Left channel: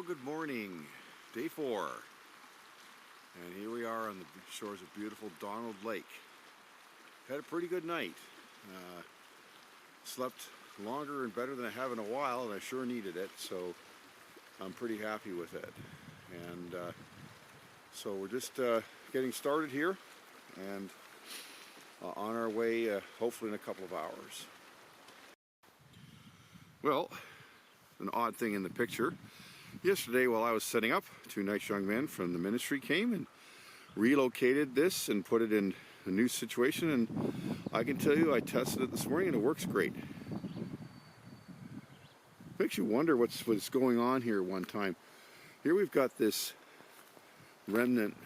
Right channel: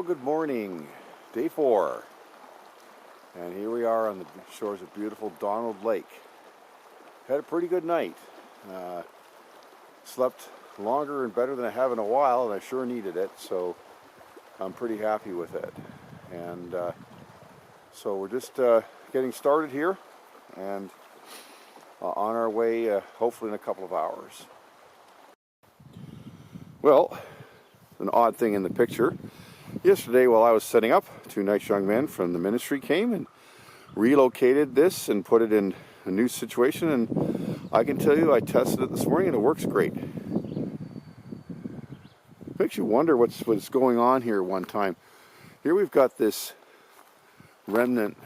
Well, good morning. Day 4. And here we are on the shores of beautiful Donald Lake. Had a pretty good night. Slept longer and better than I have in a while, and I sure needed it, so I'm pretty happy with it. And so we're just getting started here, and on our way, hopefully in a couple of hours. Well, an odd thing in the picture. Yesterday, while I was setting up, 2 nice young men from the ministry came and relocated this and put it in a new situation, and I can tell you I tested it this morning and it works great. Makes you wonder what's going on here one time. Here we've got this remnant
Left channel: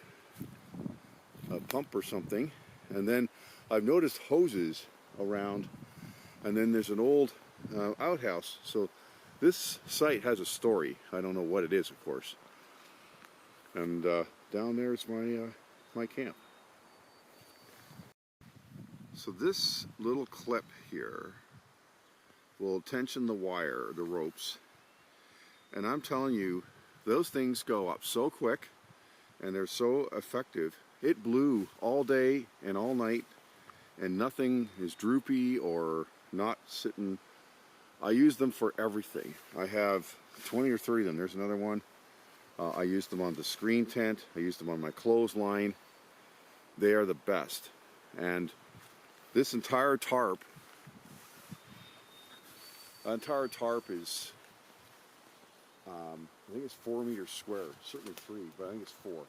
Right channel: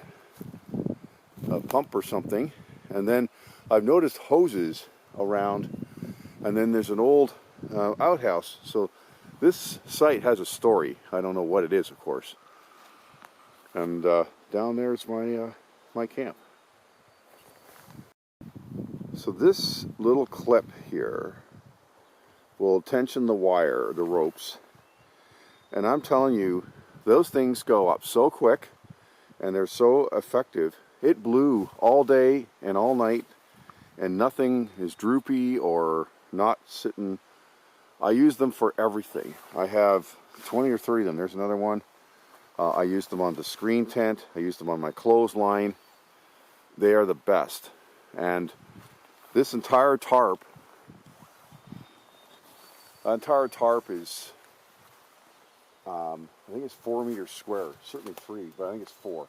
pump or something, and then I've noticed hoses around, and then there's an old outhouse. So this site has a story. I don't know what it is, of course. And down there's my camp. So this little clip here will tension the wire, the ropes. And I'm telling you, those things go up so quick and they're so effective. It blew all day and all night, and nothing is droopy or not sitting. I use them for everything. I have 20 or 30 of them. There's another one. I use them on the screen tent. I use them on my clothesline. They are the best. And this entire tarp is, I think it's 4 meters square. Certainly 3, but I think it's 4.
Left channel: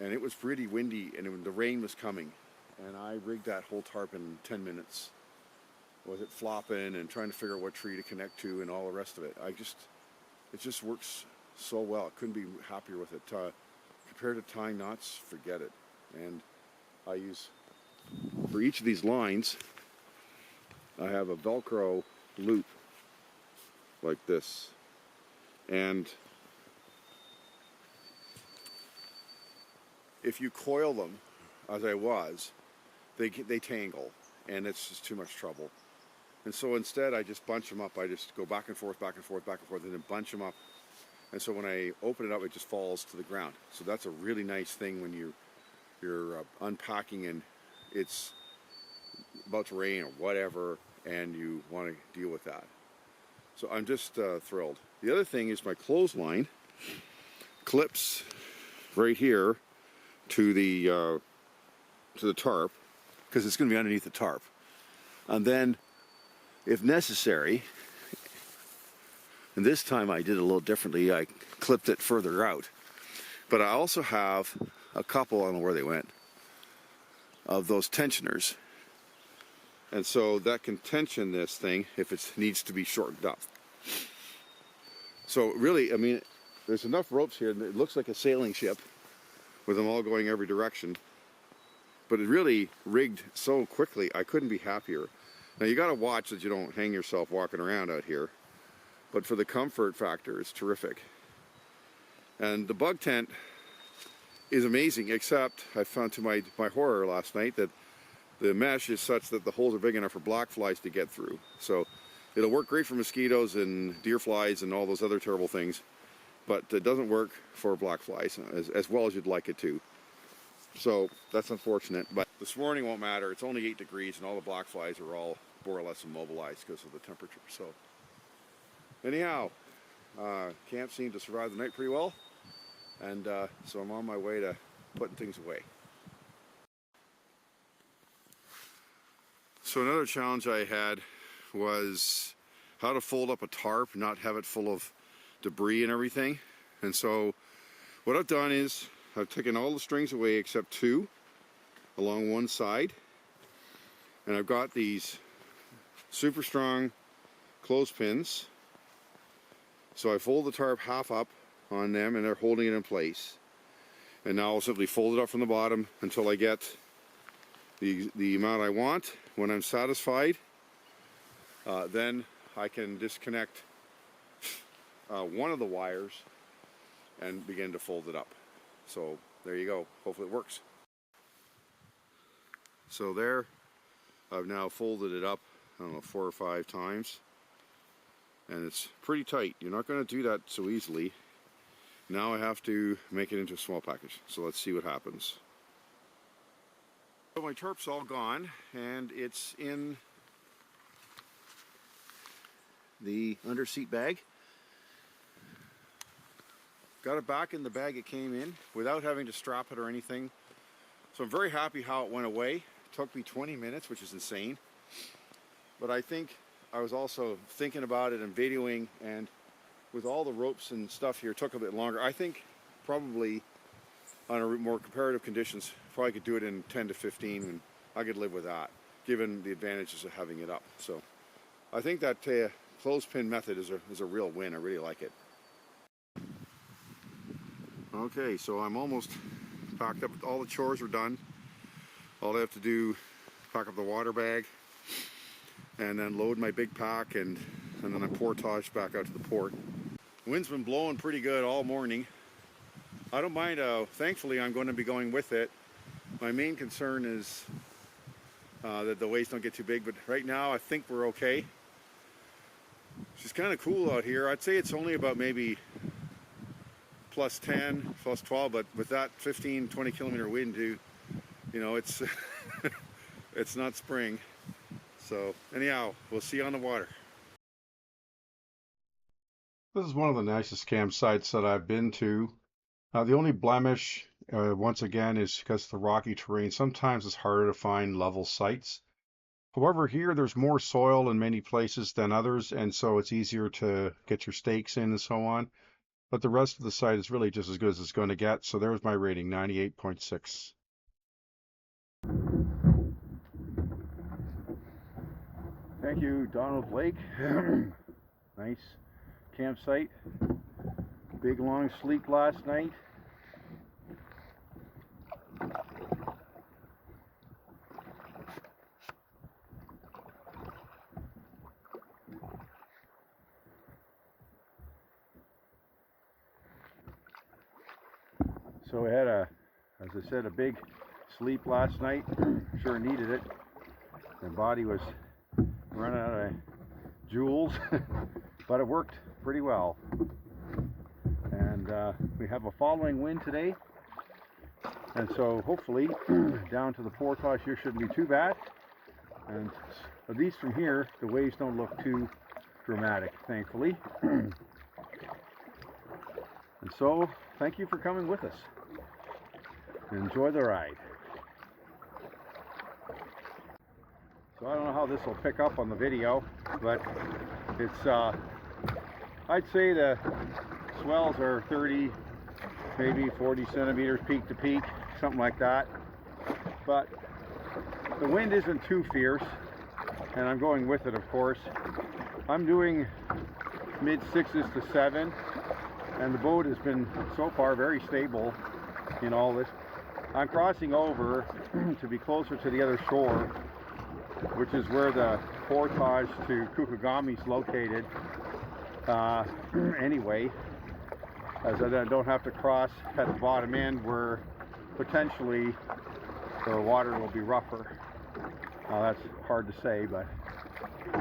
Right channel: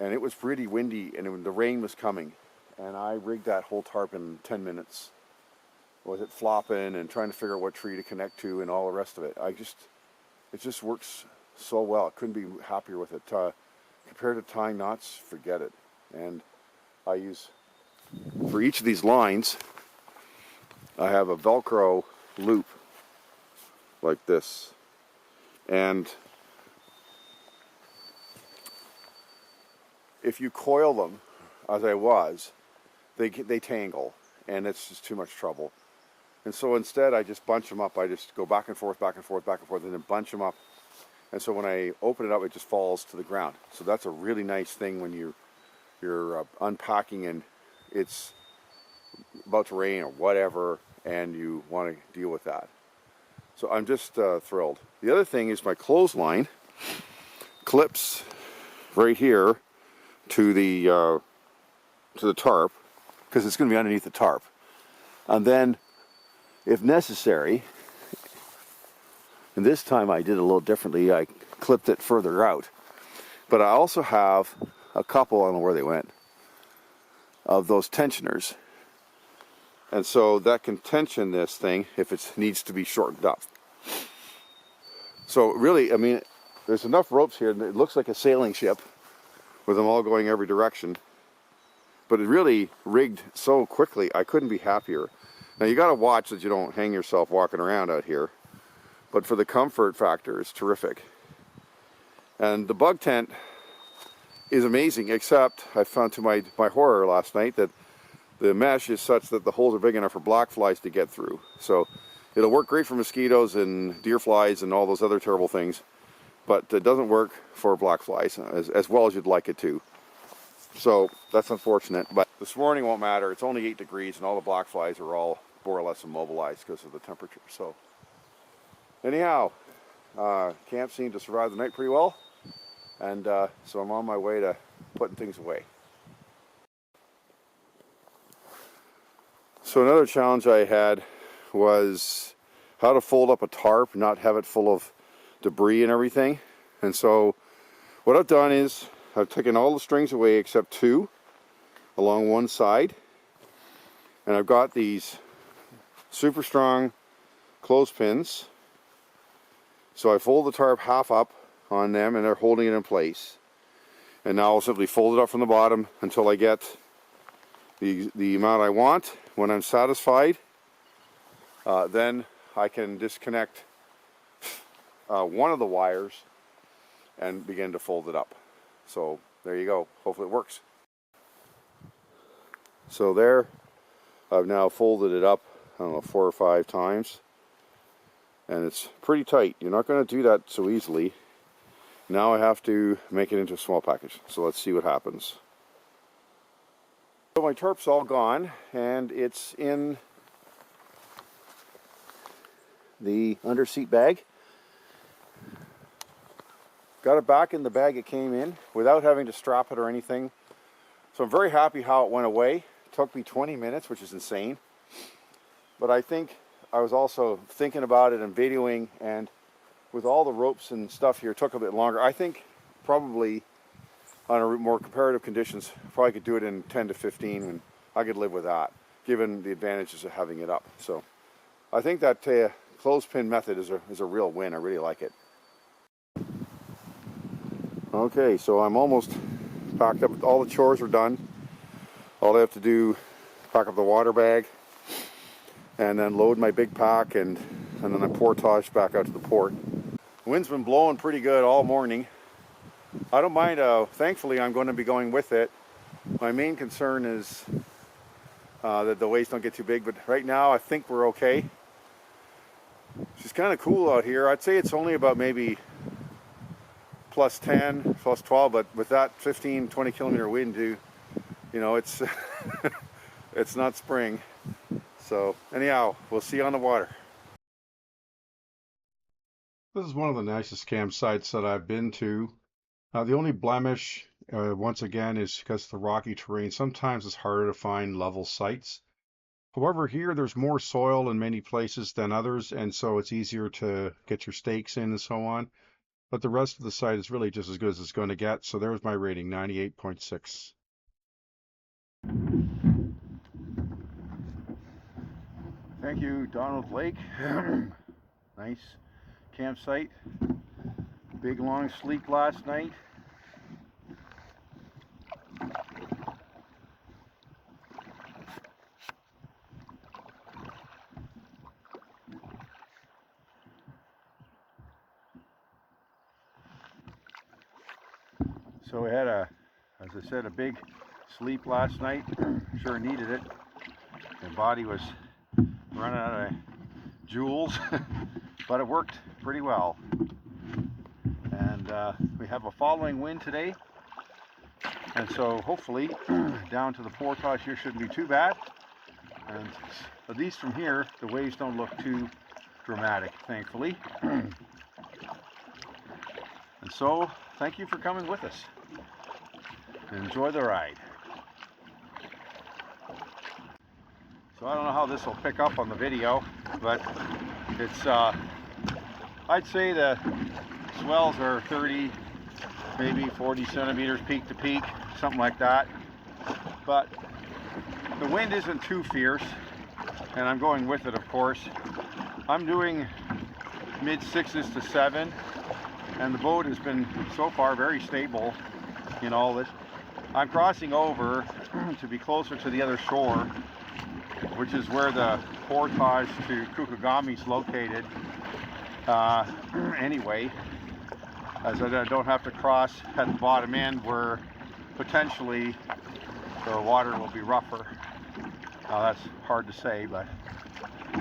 And it was pretty windy, and the rain was coming. And I rigged that whole tarp in 10 minutes. Was it flopping and trying to figure out what tree to connect to and all the rest of it. It just works so well. I couldn't be happier with it. Compared to tying knots, forget it. And I use, for each of these lines, I have a Velcro loop like this. And if you coil them, as I was, they tangle, and it's just too much trouble. And so instead, I just bunch them up. I just go back and forth, back and forth, back and forth, and then bunch them up. And so when I open it up, it just falls to the ground. So that's a really nice thing when you're unpacking and it's about to rain or whatever, and you want to deal with that. So I'm just thrilled. The other thing is my clothesline clips right here to the tarp, because it's going to be underneath the tarp. And then, if necessary, and this time I did it a little differently, I clipped it further out. But I also have a couple, I don't know where they went, of those tensioners. And so that can tension this thing if it needs to be shortened up. So really, I mean, there's enough ropes here, and it looks like a sailing ship with them all going every direction. But it really rigged so quickly, I couldn't be happier. Now you got to watch that you don't hang yourself walking around out here, but for the comfort factor, it's terrific. And the bug tent is amazing, except I found to my horror last night that the mesh is such that the holes are big enough for black flies to get through. So it'll work great for mosquitoes and deer flies and all those other terrible things, but it doesn't work for black flies as well as you'd like it to. So that's unfortunate, but this morning won't matter. It's only 8 degrees and all the black flies are all more or less immobilized because of the temperature. So anyhow, camp seemed to survive the night pretty well, and so I'm on my way to putting things away. So another challenge I had was how to fold up a tarp, not have it full of debris and everything. And so what I've done is I've taken all the strings away except 2 along one side, and I've got these super strong clothespins. So I fold the tarp half up on them, and they're holding it in place. And now I'll simply fold it up from the bottom until I get the amount I want. When I'm satisfied, then I can disconnect one of the wires and begin to fold it up. So there you go. Hopefully it works. So there, I've now folded it up, I don't know, 4 or 5 times. and it's pretty tight. You're not going to do that so easily. Now I have to make it into a small package, so let's see what happens. So my tarp's all gone, and it's in the underseat bag. Got it back in the bag it came in without having to strap it or anything. So I'm very happy how it went away. It took me 20 minutes, which is insane. But I think I was also thinking about it and videoing, and with all the ropes and stuff here, it took a bit longer. I think probably on a more comparative conditions, probably could do it in 10 to 15, and I could live with that, given the advantages of having it up. So I think that clothespin method is a real win. I really like it. Okay, so I'm almost packed up. All the chores are done. All I have to do, pack up the water bag, and then load my big pack, and then I portage back out to the port. The wind's been blowing pretty good all morning. I don't mind, thankfully I'm going to be going with it. My main concern is that the waves don't get too big, but right now I think we're okay. It's just kind of cool out here. I'd say it's only about maybe plus 10, plus 12, but with that 15, 20 kilometer wind, you know, it's it's not spring. So anyhow, we'll see you on the water. This is one of the nicest campsites that I've been to. The only blemish, once again, is because of the rocky terrain. Sometimes it's harder to find level sites. However, here there's more soil in many places than others, and so it's easier to get your stakes in and so on. But the rest of the site is really just as good as it's going to get. So there's my rating, 98.6. Thank you, Donald Lake. Nice campsite. Big long sleep last night. So we had as I said, a big sleep last night. Sure needed it. My body was running out of joules, but it worked pretty well. And we have a following wind today, and so hopefully down to the portage here shouldn't be too bad. And at least from here, the waves don't look too dramatic, thankfully. And so, thank you for coming with us. Enjoy the ride. So I don't know how this will pick up on the video, but it's, I'd say the swells are 30, maybe 40 centimeters peak to peak, something like that. But the wind isn't too fierce, and I'm going with it, of course. I'm doing mid 6s to 7, and the boat has been so far very stable in all this. I'm crossing over to be closer to the other shore, which is where the portage to Kukagami is located. Anyway, as I don't have to cross at the bottom end where potentially the water will be rougher. Now that's hard to say, but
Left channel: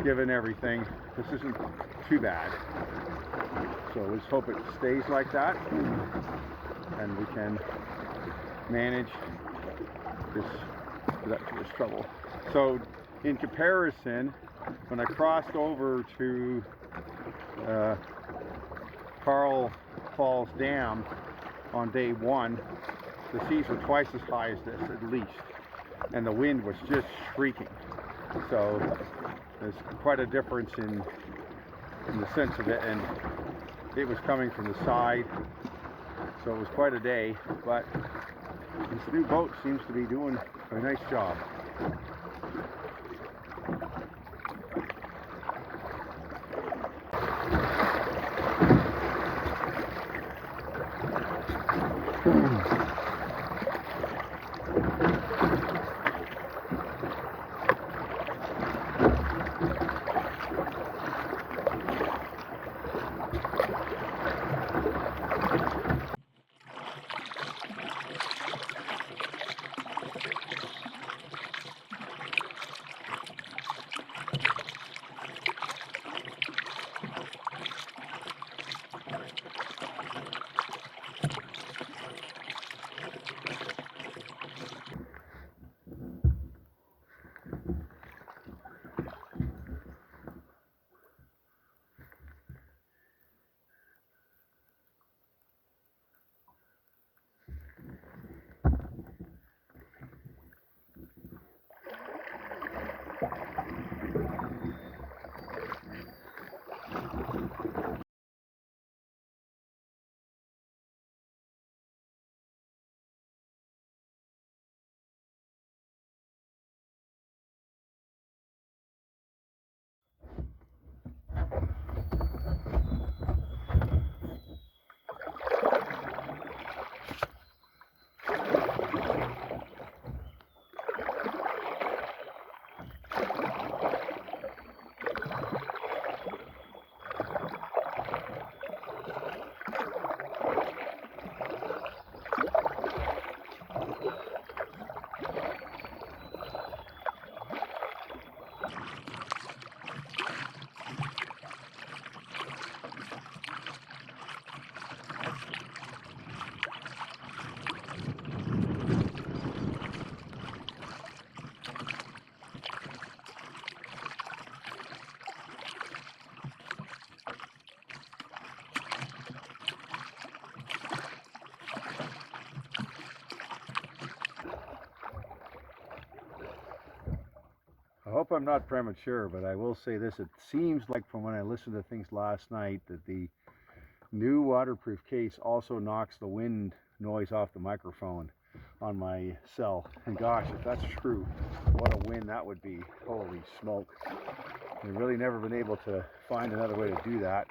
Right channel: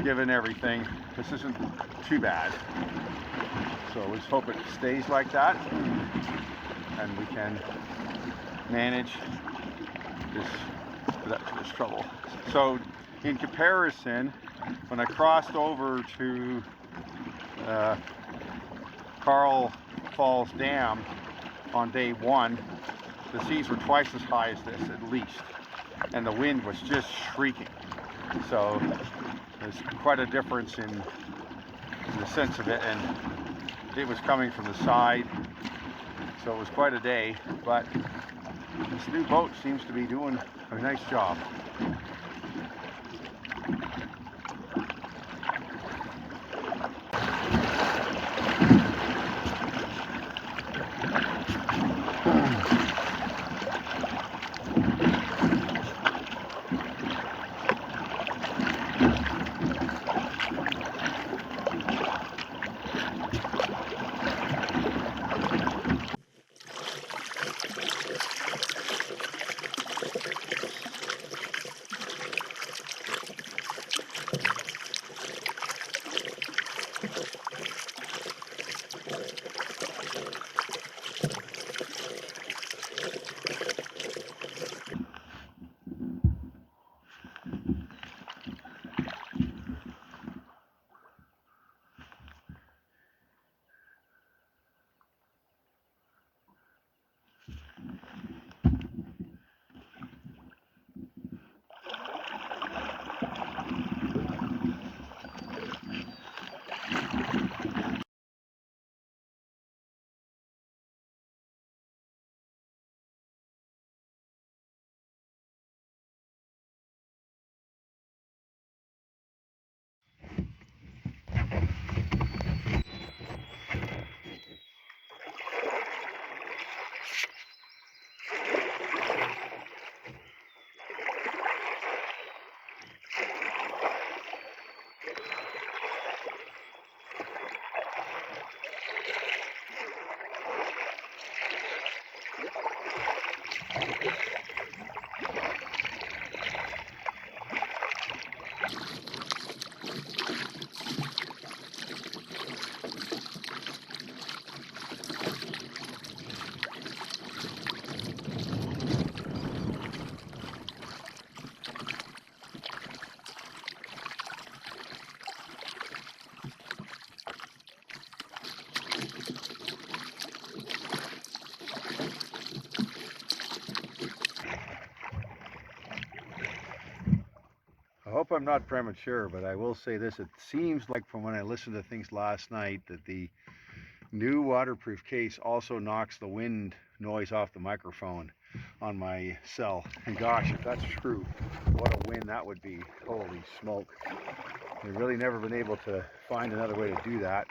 given everything, this isn't too bad. So let's hope it stays like that, and we can manage this trouble. So in comparison, when I crossed over to Carl Falls Dam on day 1, the seas were twice as high as this at least, and the wind was just shrieking. So there's quite a difference in the sense of it, and it was coming from the side, so it was quite a day. But this new boat seems to be doing a nice job. I hope I'm not premature, but I will say this. It seems like from when I listened to things last night that the new waterproof case also knocks the wind noise off the microphone on my cell. And gosh, if that's true, what a win that would be. Holy smoke. I've really never been able to find another way to do that.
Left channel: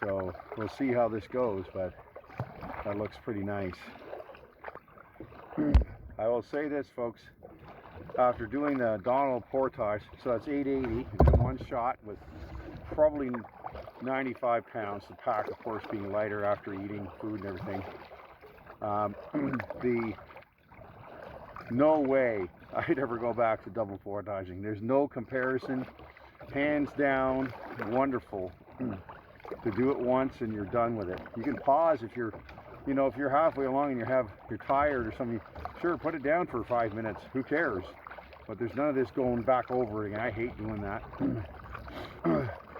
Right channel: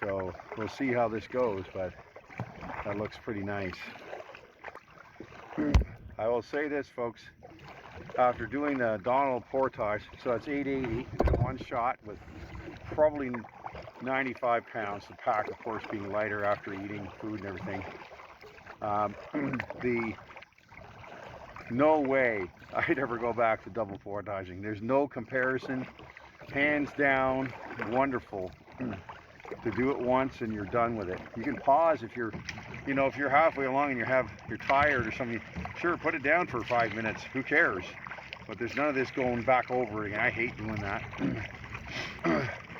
So we'll see how this goes, but that looks pretty nice. I will say this, folks. After doing the Donald portage, so that's 880 in one shot with probably 95 pounds, the pack of course being lighter after eating food and everything. No way I'd ever go back to double portaging. There's no comparison. Hands down, wonderful. To do it once and you're done with it. You can pause if you're, if you're halfway along and you're tired or something. Sure, put it down for 5 minutes. Who cares? But there's none of this going back over again. I hate doing that.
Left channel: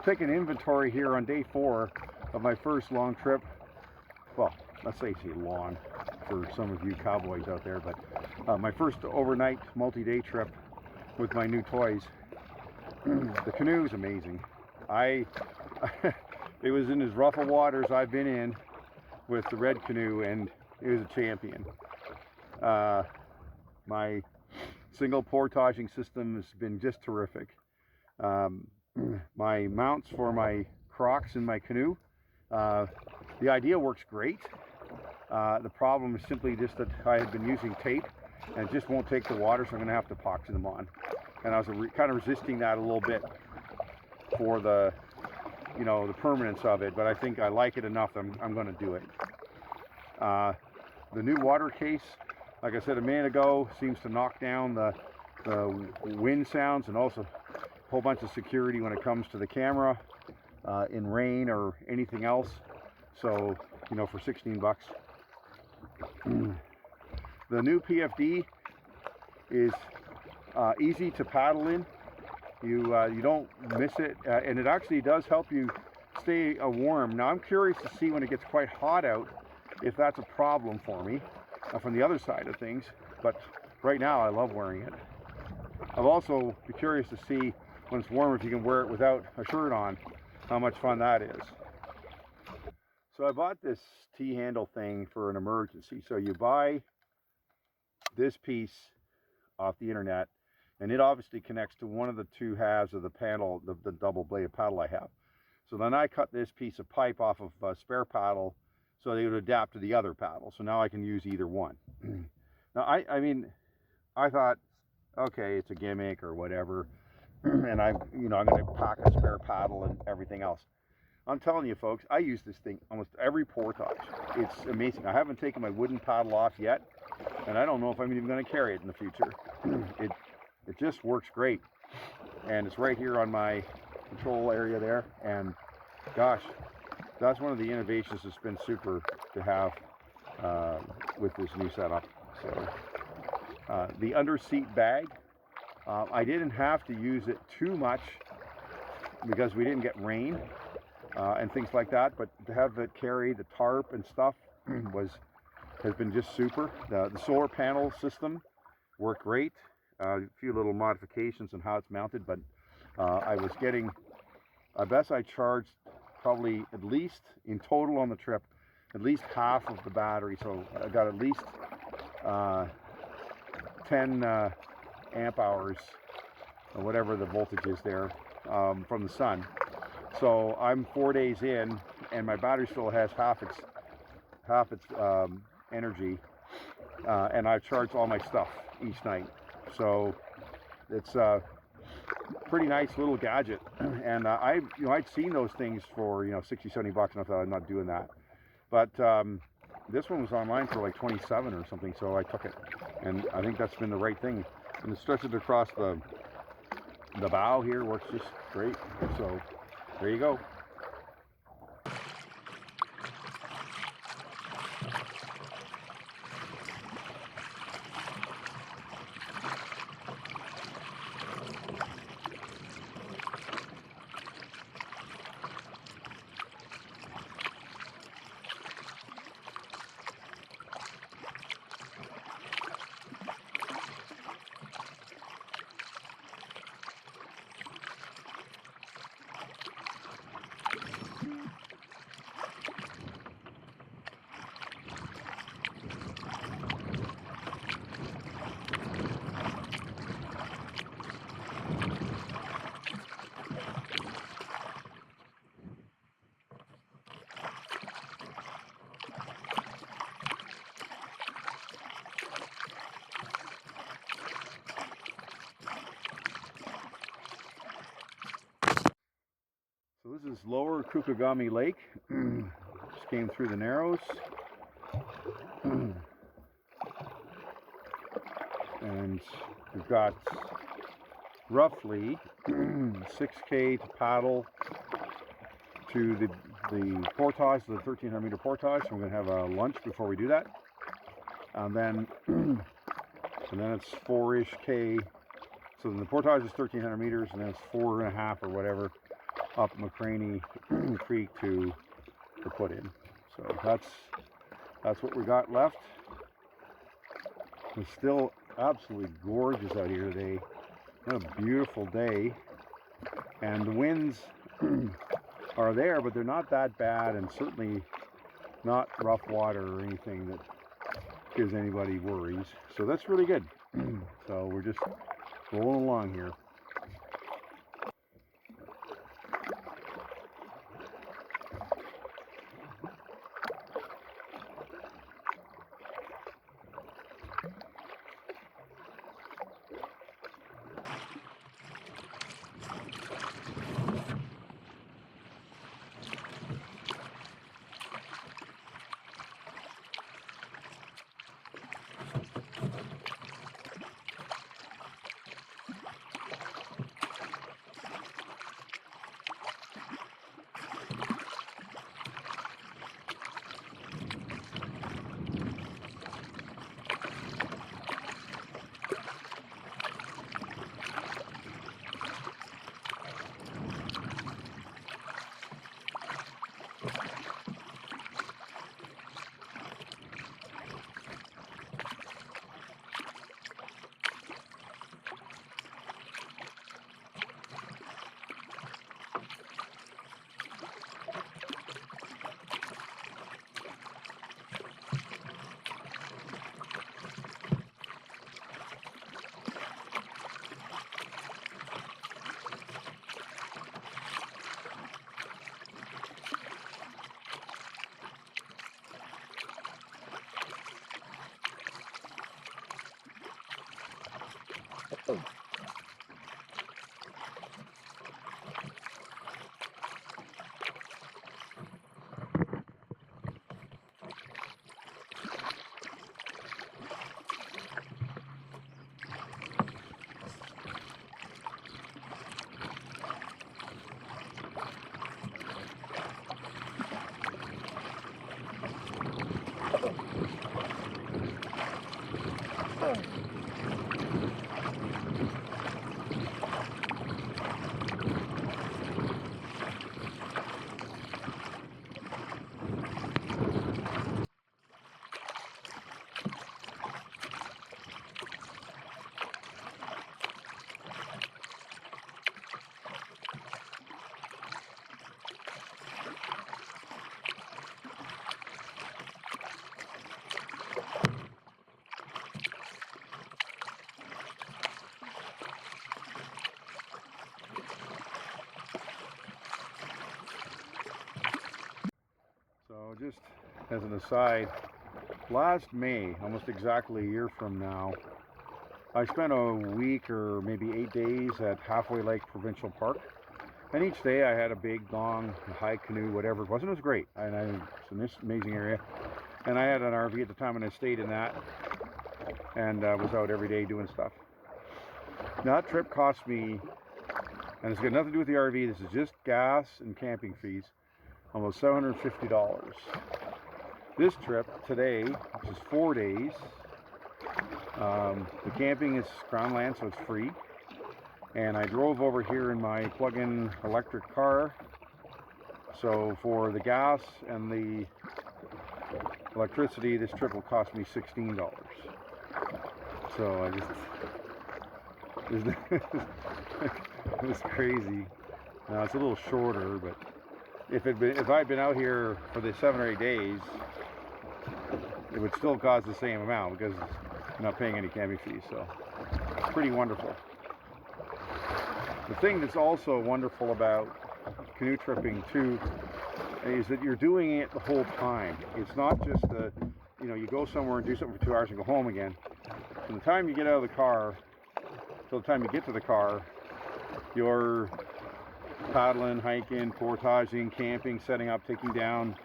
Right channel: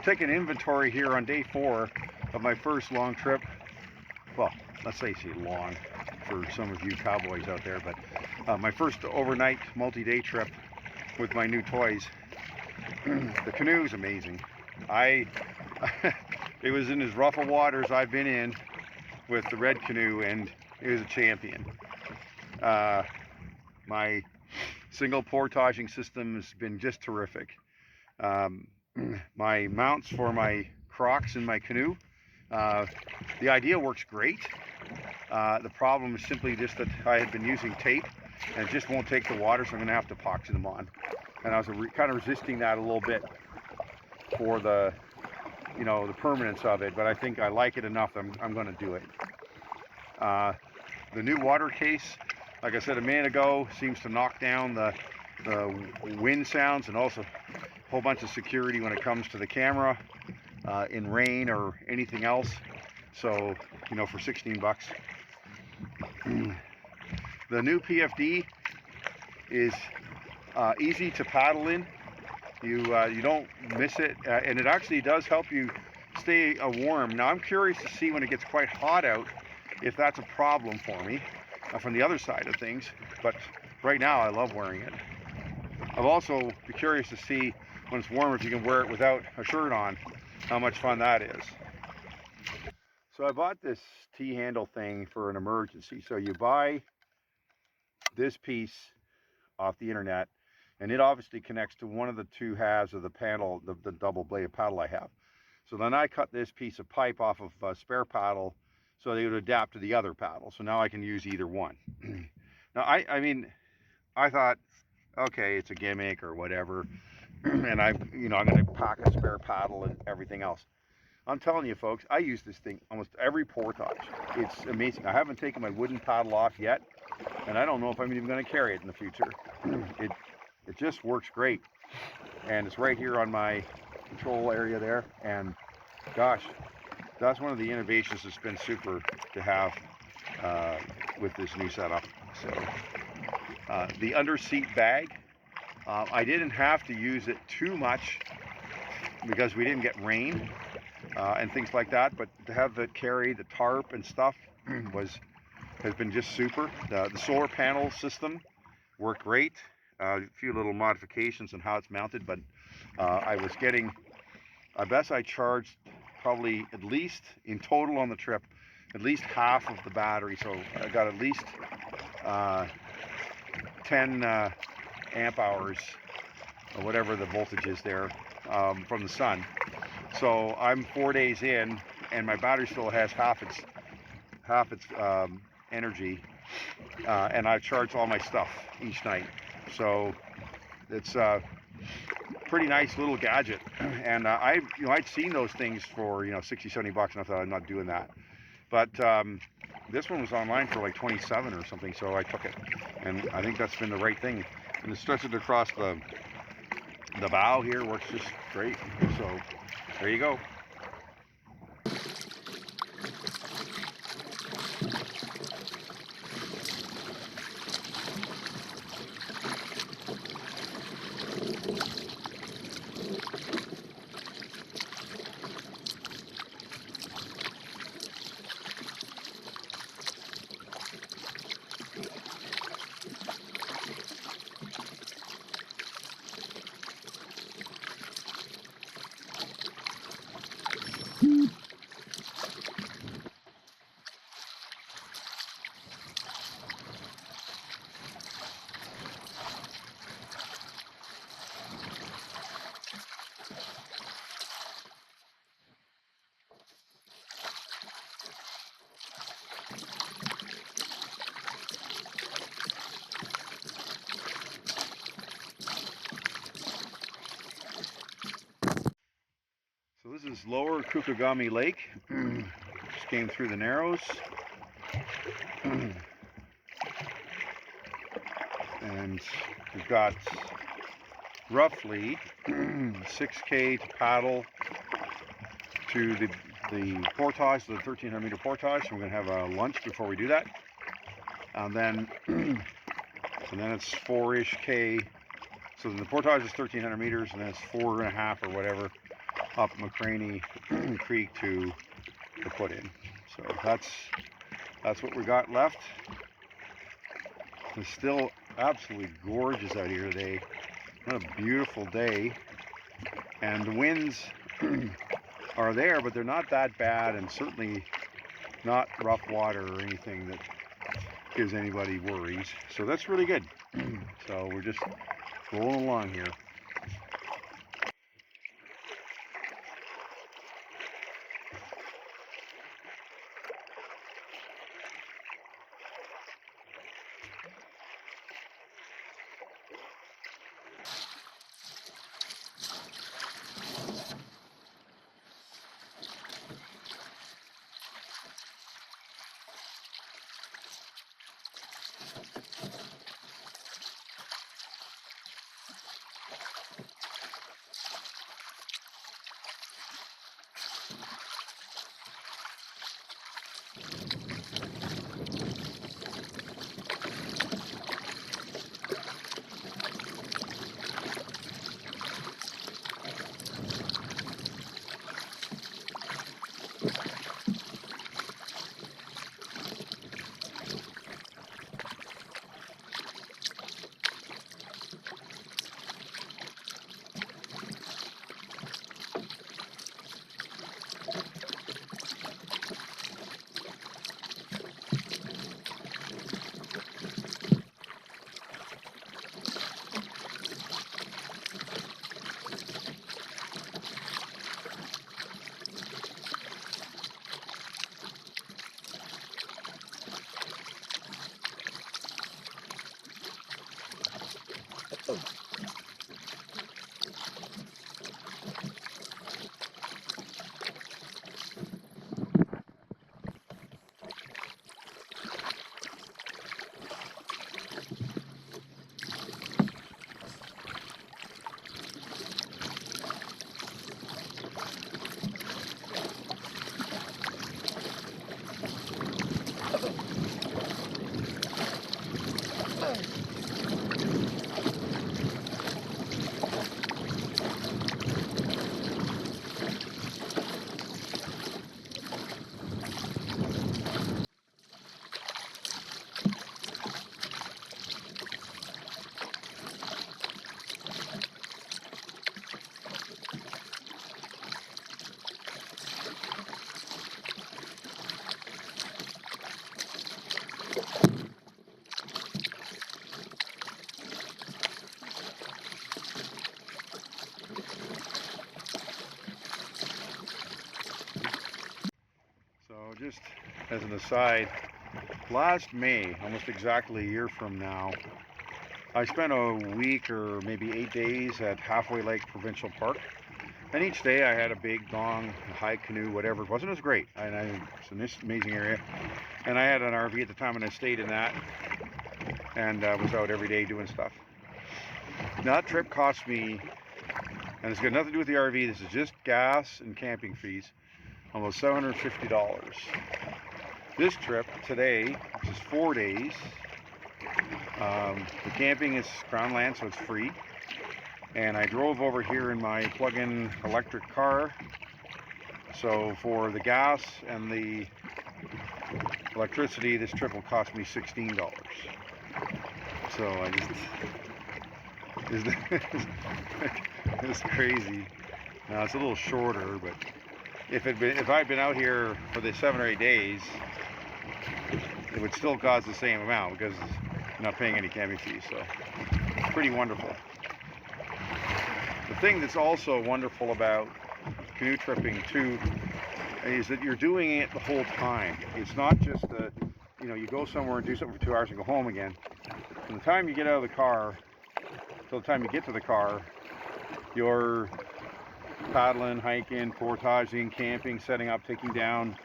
Take an inventory here on day 4 of my first long trip. Well, let's say long for some of you cowboys out there, but my first overnight multi-day trip with my new toys. The canoe is amazing. It was in as rough of waters I've been in with the red canoe, and it was a champion. My single portaging system has been just terrific. My mounts for my Crocs in my canoe, the idea works great. The problem is simply just that I had been using tape and it just won't take the water, so I'm going to have to epoxy them on. And I was kind of resisting that a little bit for the permanence of it, but I think I like it enough that I'm going to do it. The new water case, like I said a minute ago, seems to knock down the wind sounds and also a whole bunch of security when it comes to the camera in rain or anything else. So, for 16 bucks. The new PFD is easy to paddle in. You don't miss it, and it actually does help you stay warm. Now I'm curious to see when it gets quite hot out if that's a problem for me from the other side of things, but right now I love wearing it. I'll also be curious to see when it's warmer if you can wear it without a shirt on, how much fun that is. So I bought this T-handle thing for an emergency. So you buy this piece off the internet, and it obviously connects to one of the two halves of the paddle, the double bladed paddle I have. So then I cut this piece of pipe off of a spare paddle so they would adapt to the other paddle. So now I can use either one. Now I thought, okay, it's a gimmick or whatever, and I'm going to pack a spare paddle and everything else. I'm telling you, folks, I use this thing almost every portage. It's amazing. I haven't taken my wooden paddle off yet, and I don't know if I'm even going to carry it in the future. It just works great, and it's right here on my control area there. And gosh, that's one of the innovations that's been super to have with this new setup. So the underseat bag, I didn't have to use it too much because we didn't get rain and things like that, but to have it carry the tarp and stuff has been just super. The solar panel system worked great. A few little modifications on how it's mounted, but I guess I charged probably at least in total on the trip at least half of the battery, so I got at least 10 amp hours or whatever the voltage is there from the sun. So I'm 4 days in, and my battery still has half its energy, and I've charged all my stuff each night. So it's a pretty nice little gadget. And I'd seen those things for 60, 70 bucks, and I thought I'm not doing that. But this one was online for like 27 or something, so I took it, and I think that's been the right thing. And it stretches across the bow here, works just great. So there you go. So this is lower Kukagami Lake. Just came through the Narrows. And we've got roughly 6K to paddle to the portage, the 1,300 meter portage. So we're going to have a lunch before we do that. And then it's 4-ish K. So then the portage is 1,300 meters, and then it's 4.5 or whatever up McLaren Creek to put in. So that's what we got left. It's still absolutely gorgeous out here today. What a beautiful day. And the winds are there, but they're not that bad, and certainly not rough water or anything that gives anybody worries. So that's really good. So we're just rolling along here. So just as an aside, last May, almost exactly a year from now, I spent a week or maybe 8 days at Halfway Lake Provincial Park. And each day I had a big gong, a high canoe, whatever it was, and it was great. And it's an amazing area. And I had an RV at the time, and I stayed in that, and was out every day doing stuff. Now that trip cost me, and it's got nothing to do with the RV, this is just gas and camping fees, almost $750. This trip today, which is 4 days, the camping is Crown land, so it's free. And I drove over here in my plug-in electric car. So for the gas and the electricity, this trip will cost me $16. So it's crazy. Now it's a little shorter, but if I'd been out here for the 7 or 8 days, it would still cost the same amount because I'm not paying any camping fees. So it's pretty wonderful. The thing that's also wonderful about canoe tripping too is that you're doing it the whole time. It's not just you go somewhere and do something for 2 hours and go home again. From the time you get out of the car till the time you get to the car, you're paddling, hiking, portaging, camping, setting up, taking down,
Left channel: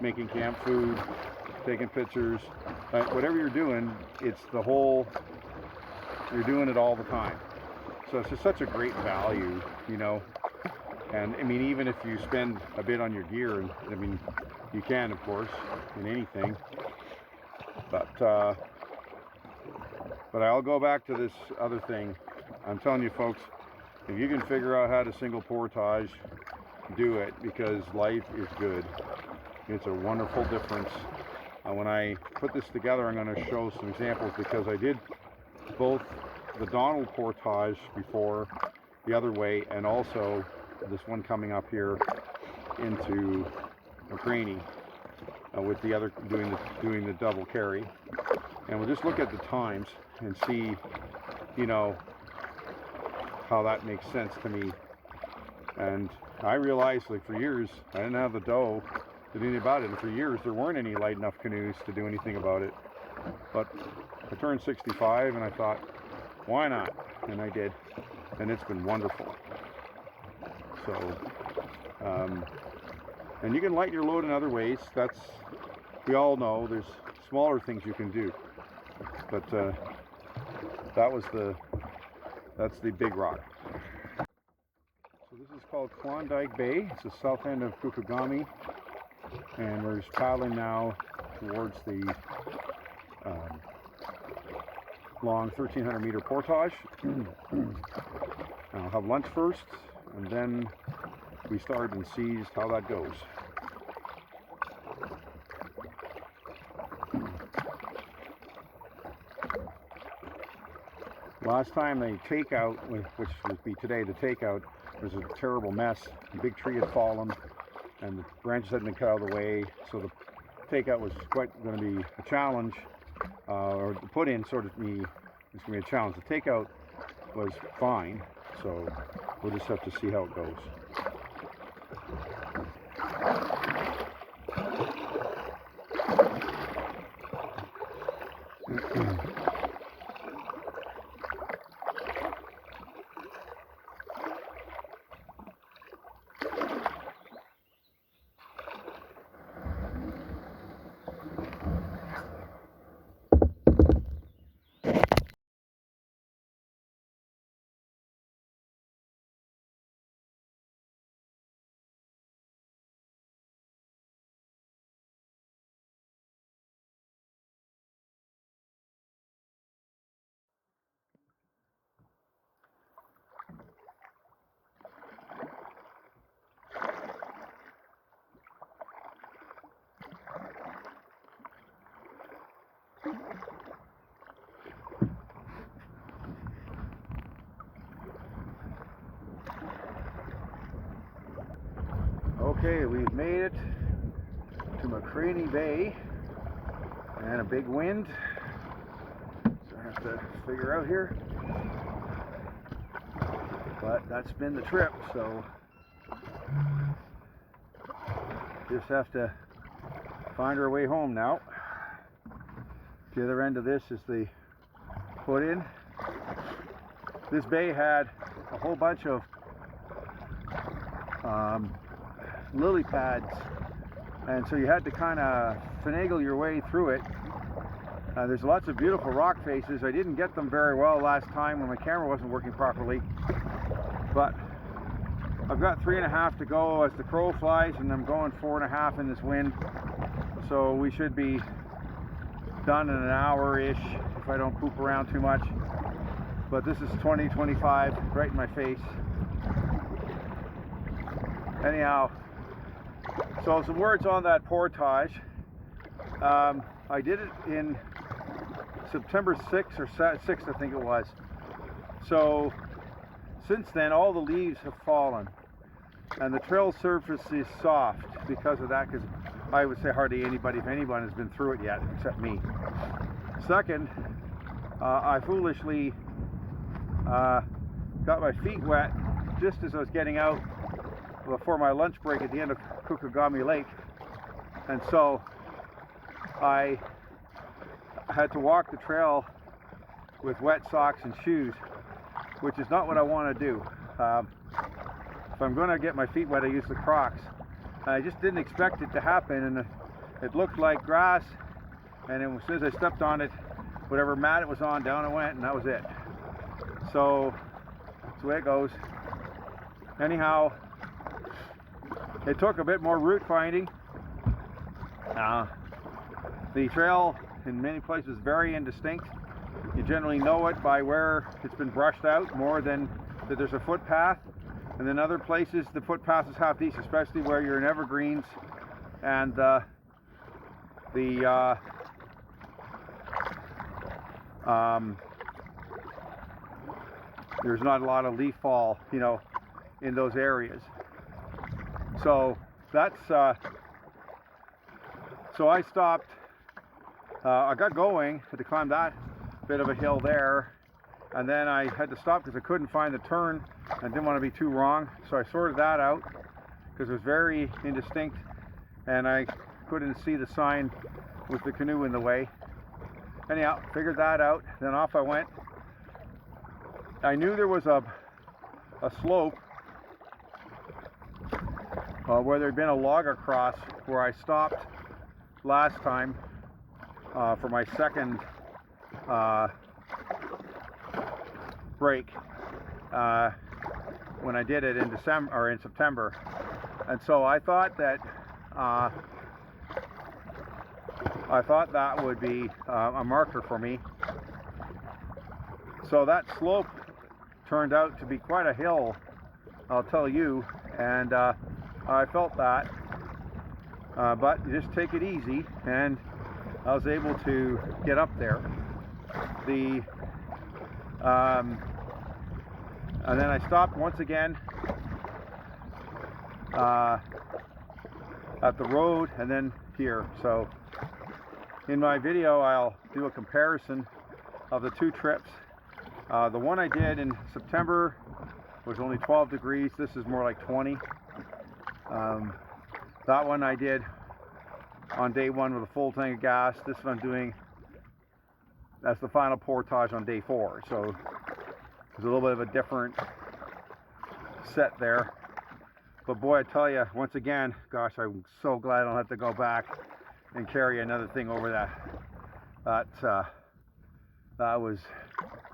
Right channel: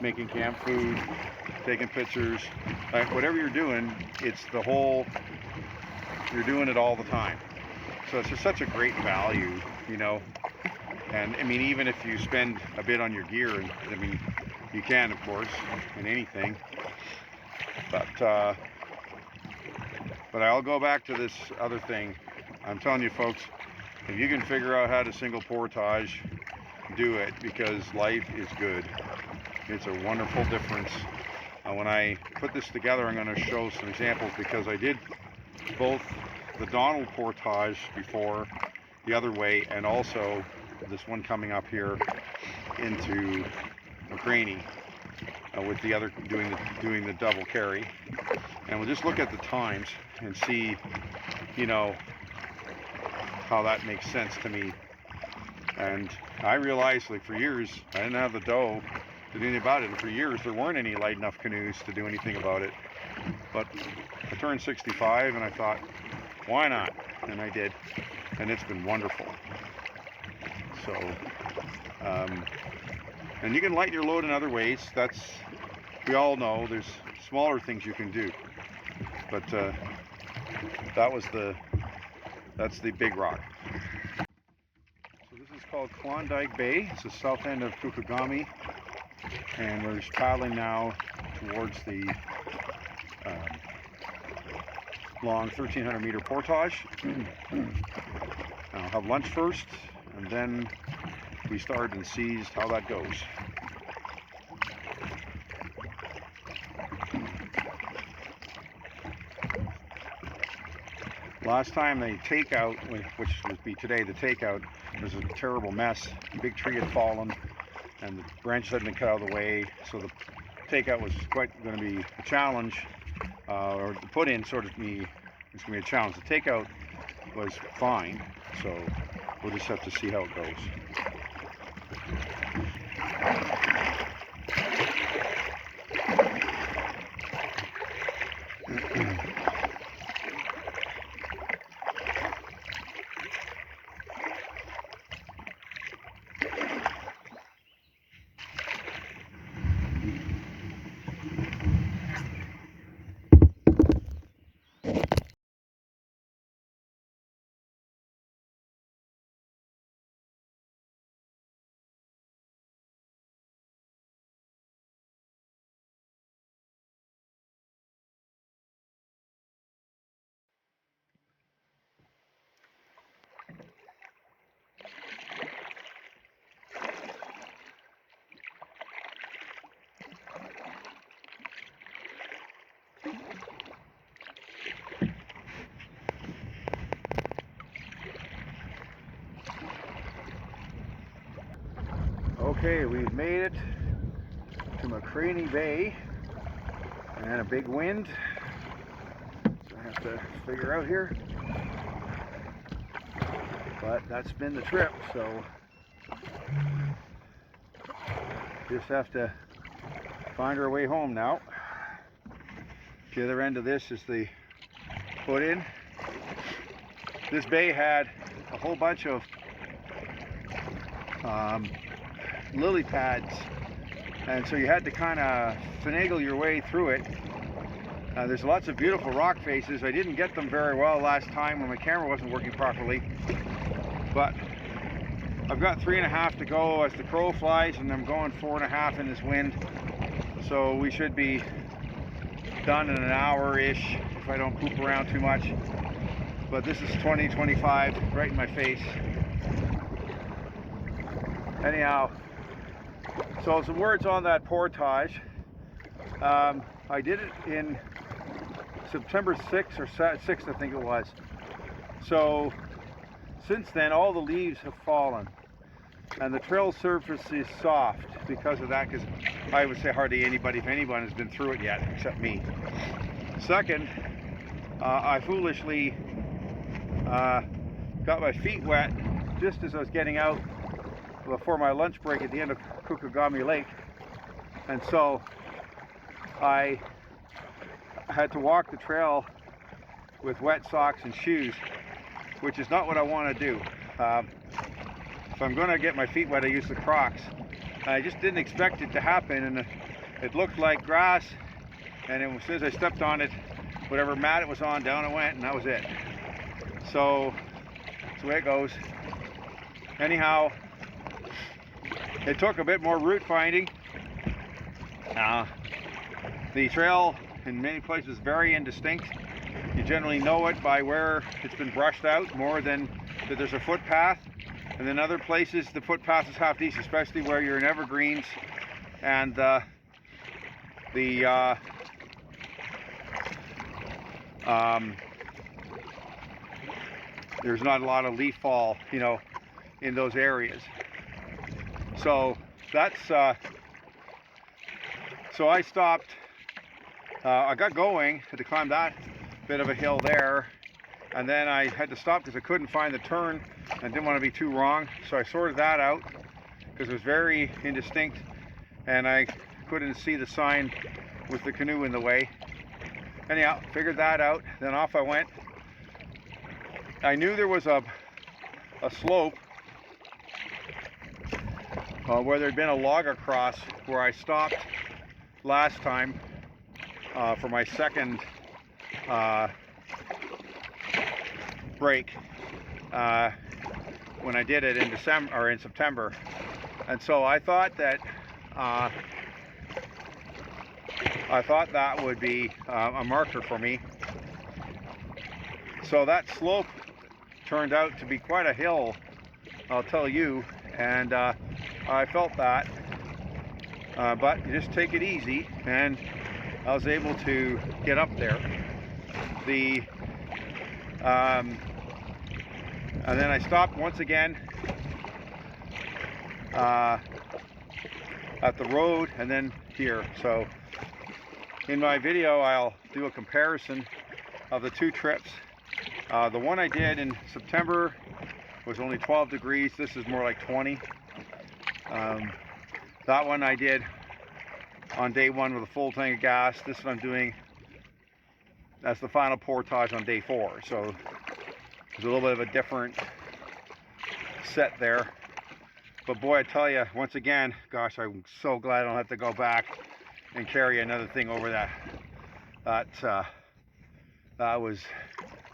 making camp food, taking pictures. Whatever you're doing, you're doing it all the time. So it's just such a great value, And I mean, even if you spend a bit on your gear, and I mean, you can, of course, in anything. But I'll go back to this other thing. I'm telling you, folks, if you can figure out how to single portage, do it, because life is good. It's a wonderful difference. When I put this together, I'm going to show some examples, because I did both the Donald portage before the other way, and also this one coming up here into McLaren with the other doing the double carry. And we'll just look at the times and see, how that makes sense to me. And I realized, like, for years I didn't have the dough to do anything about it, and for years there weren't any light enough canoes to do anything about it. But I turned 65 and I thought, why not? And I did, and it's been wonderful. So and you can lighten your load in other ways. We all know there's smaller things you can do, but that's the big rock. So this is called Klondike Bay. It's the south end of Kukagami, and we're just paddling now towards the long 1,300 meter portage. I'll have lunch first, and then we start and see just how that goes. Last time the takeout, which would be today, the takeout, was a terrible mess. A big tree had fallen and the branches hadn't been cut out of the way, so the takeout was quite going to be a challenge, or the put in sort of it's going to be a challenge. The takeout was fine, so we'll just have to see how it goes. Okay, we've made it to McLaren Bay, and a big wind, so I have to figure out here, but that's been the trip, so just have to find our way home now. The other end of this is the put in. This bay had a whole bunch of lily pads and so you had to kind of finagle your way through it. There's lots of beautiful rock faces. I didn't get them very well last time when my camera wasn't working properly, but I've got 3.5 to go as the crow flies, and I'm going 4.5 in this wind, so we should be done in an hour-ish if I don't poop around too much. But this is 2025 right in my face. Anyhow, so some words on that portage. I did it in September 6th or 6th, I think it was. So since then, all the leaves have fallen, and the trail surface is soft because of that, because I would say hardly anybody, if anyone, has been through it yet, except me. Second, I foolishly got my feet wet just as I was getting out before my lunch break at the end of Kukagami Lake, and so I had to walk the trail with wet socks and shoes, which is not what I want to do. If I'm going to get my feet wet, I use the Crocs. I just didn't expect it to happen, and it looked like grass, and as soon as I stepped on it, whatever mat it was on, down it went, and that was it. So that's the way it goes. Anyhow, it took a bit more route finding. The trail in many places is very indistinct. You generally know it by where it's been brushed out more than that there's a footpath. And then other places the footpath is half decent, especially where you're in evergreens and there's not a lot of leaf fall, you know, in those areas. So that's so I stopped. I got going, had to climb that bit of a hill there, and then I had to stop because I couldn't find the turn and didn't want to be too wrong. So I sorted that out because it was very indistinct and I couldn't see the sign with the canoe in the way. Anyhow, figured that out, then off I went. I knew there was a slope where there'd been a log across where I stopped last time for my second break when I did it in December or in September, and so I thought that would be a marker for me. So that slope turned out to be quite a hill, I'll tell you, and I felt that, but you just take it easy, and I was able to get up there. And then I stopped once again at the road and then here. So in my video I'll do a comparison of the two trips. The one I did in September was only 12 degrees. This is more like 20. That one I did on day 1 with a full tank of gas. This one I'm doing as the final portage on day 4. So there's a little bit of a different set there. But boy, I tell you, once again, gosh, I'm so glad I don't have to go back and carry another thing over that. That was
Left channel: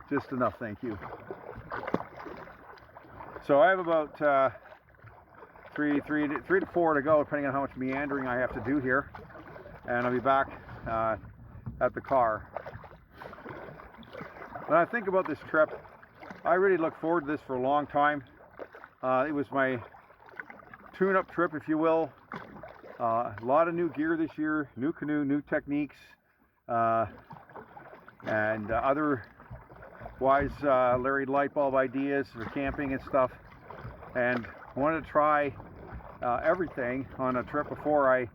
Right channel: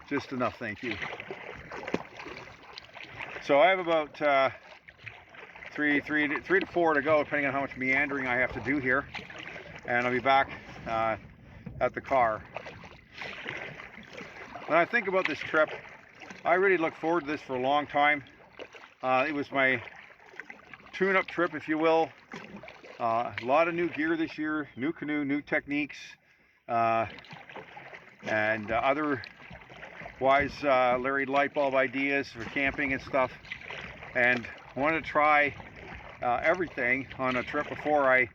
just enough, thank you. So I have about 3 to 4 to go, depending on how much meandering I have to do here, and I'll be back at the car. When I think about this trip, I really look forward to this for a long time. It was my tune-up trip, if you will. A lot of new gear this year, new canoe, new techniques, and otherwise Larry light bulb ideas for camping and stuff. And I wanted to try everything on a trip before I,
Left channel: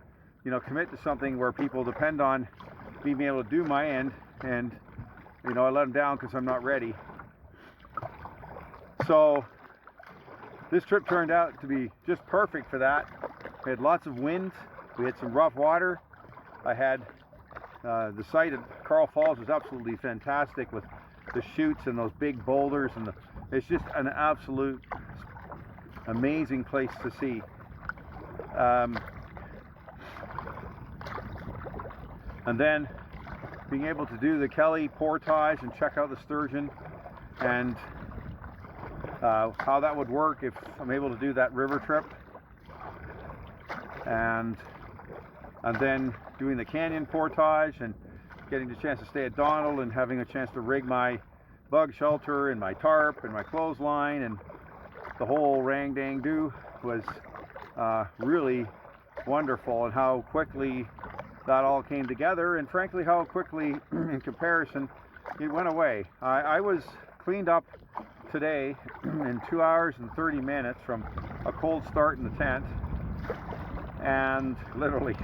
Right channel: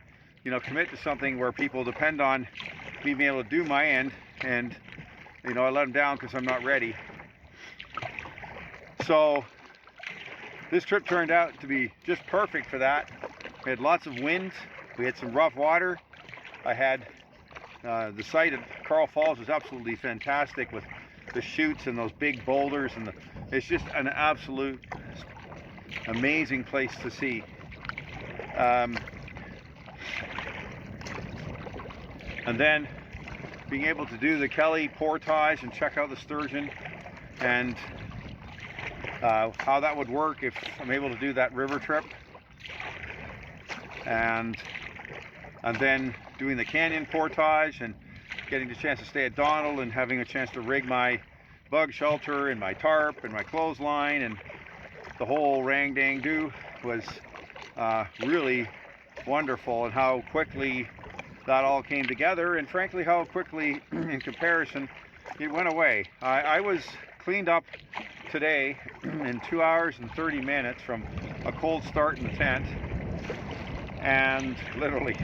commit to something where people depend on me being able to do my end, and I let them down because I'm not ready. So this trip turned out to be just perfect for that. We had lots of wind, we had some rough water. I had the site at Carl Falls was absolutely fantastic with the chutes and those big boulders, and it's just an absolute amazing place to see. and then being able to do the Kelly portage and check out the sturgeon, and how that would work if I'm able to do that river trip, and then doing the canyon portage and getting the chance to stay at Donald and having a chance to rig my bug shelter and my tarp and my clothesline and the whole rang dang do was really wonderful, and how quickly that all came together, and frankly how quickly in comparison it went away. I was cleaned up today in 2 hours and 30 minutes from a cold start in the tent, and literally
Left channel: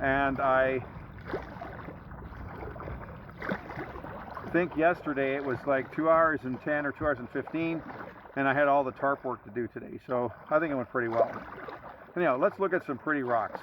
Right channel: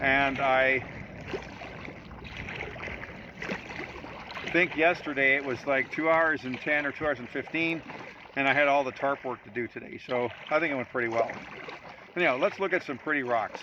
and I think yesterday it was like 2 hours and 10 or 2 hours and 15, and I had all the tarp work to do today, so I think it went pretty well. Anyhow, let's look at some pretty rocks.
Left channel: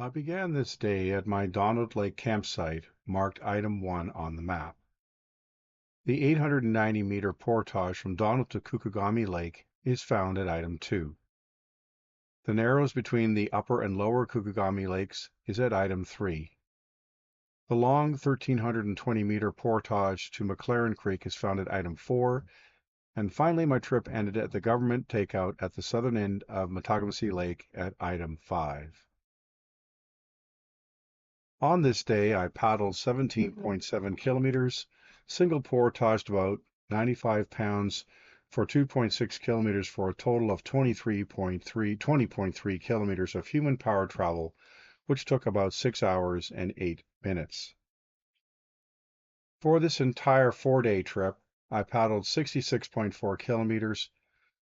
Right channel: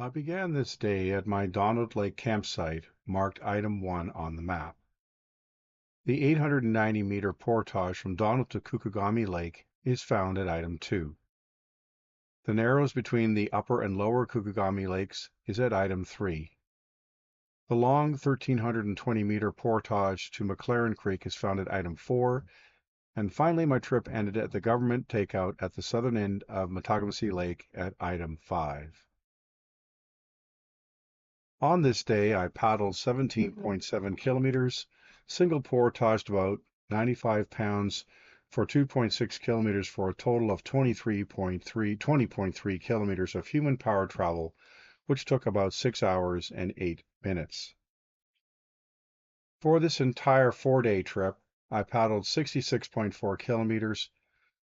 I began this day at my Donald Lake campsite, marked item 1 on the map. The 890-meter portage from Donald to Kukagami Lake is found at item 2. The narrows between the upper and lower Kukagami Lakes is at item 3. The long 1,320-meter portage to McLaren Creek is found at item 4, and finally my trip ended at the government takeout at the southern end of Matagamacy Lake at item 5. On this day, I paddled 17.7 kilometers, single portaged about 95 pounds for 2.6 kilometers for a total of 20.3 kilometers of human powered travel, which took about 6 hours and 8 minutes. For this entire 4-day trip, I paddled 66.4 kilometers.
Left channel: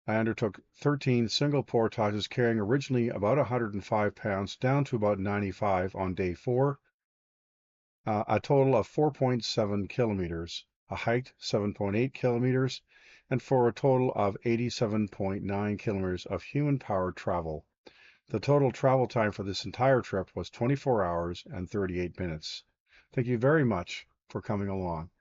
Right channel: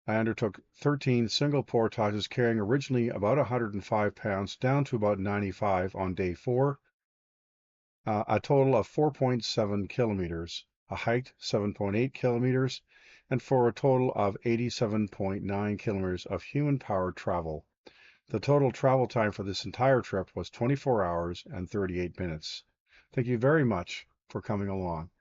I undertook 13 single portages carrying originally about 105 pounds down to about 95 on day 4. A total of 4.7 kilometers. I hiked 7.8 kilometers, and for a total of 87.9 kilometers of human-powered travel. The total travel time for this entire trip was 24 hours and 38 minutes. Thank you very much for coming along.